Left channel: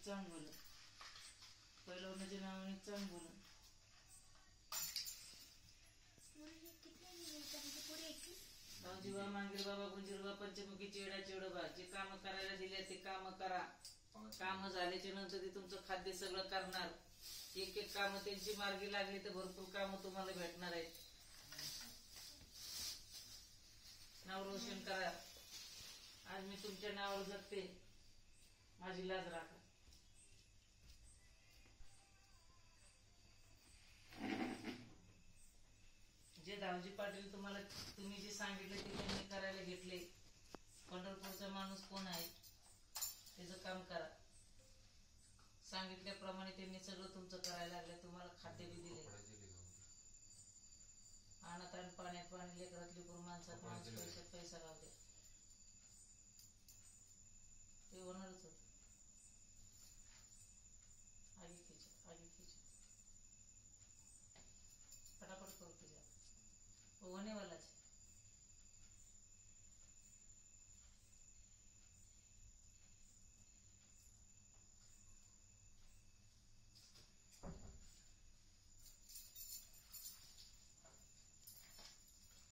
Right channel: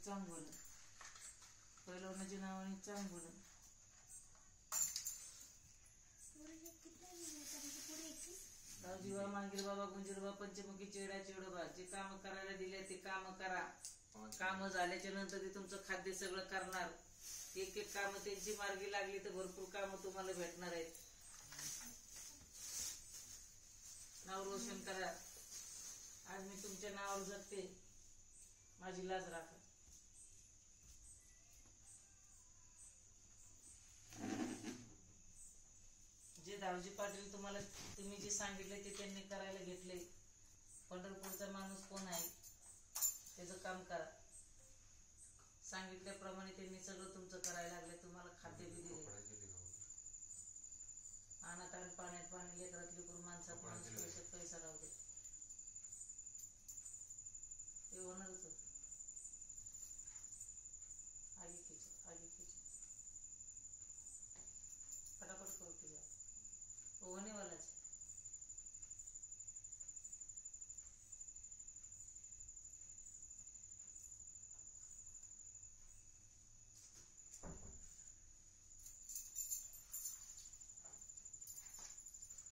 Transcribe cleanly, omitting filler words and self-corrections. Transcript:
चांगलं पहिलवानाच्या नावाने चांगलं जीवा मांगीर बाबा गुंजीरबा पंचमुखी चेडा चेडोबा जे काम करायला दिले ते काम करा. काम झाल्याच्या नंतर ते तुमचं खाद्य सगळं करणार. एक एक काम त्यांची मार्गी लागली तर भरपूर काम तुम्हाला भेटणार आहेत. नाव रोशन करा. आज मी तुमच्या नावावर जगते. माझी लाज राखा. जे दावजी पाटील तुम्ही जे सांगितले ते त्यांनी करायला घेतले. पंढरपूरचा माणूस कोण आहे त्याचं काम करा. सांगितल्याप्रमाणे त्यांनी सगळं तुमचं करायला लागले. तुम्हाला खाते बी दिले. अनाथ आणि पाण्यात पाणी लेकरातली करून माणसात माणूस पैशात पैसा राहू दे. ते होणारच होत.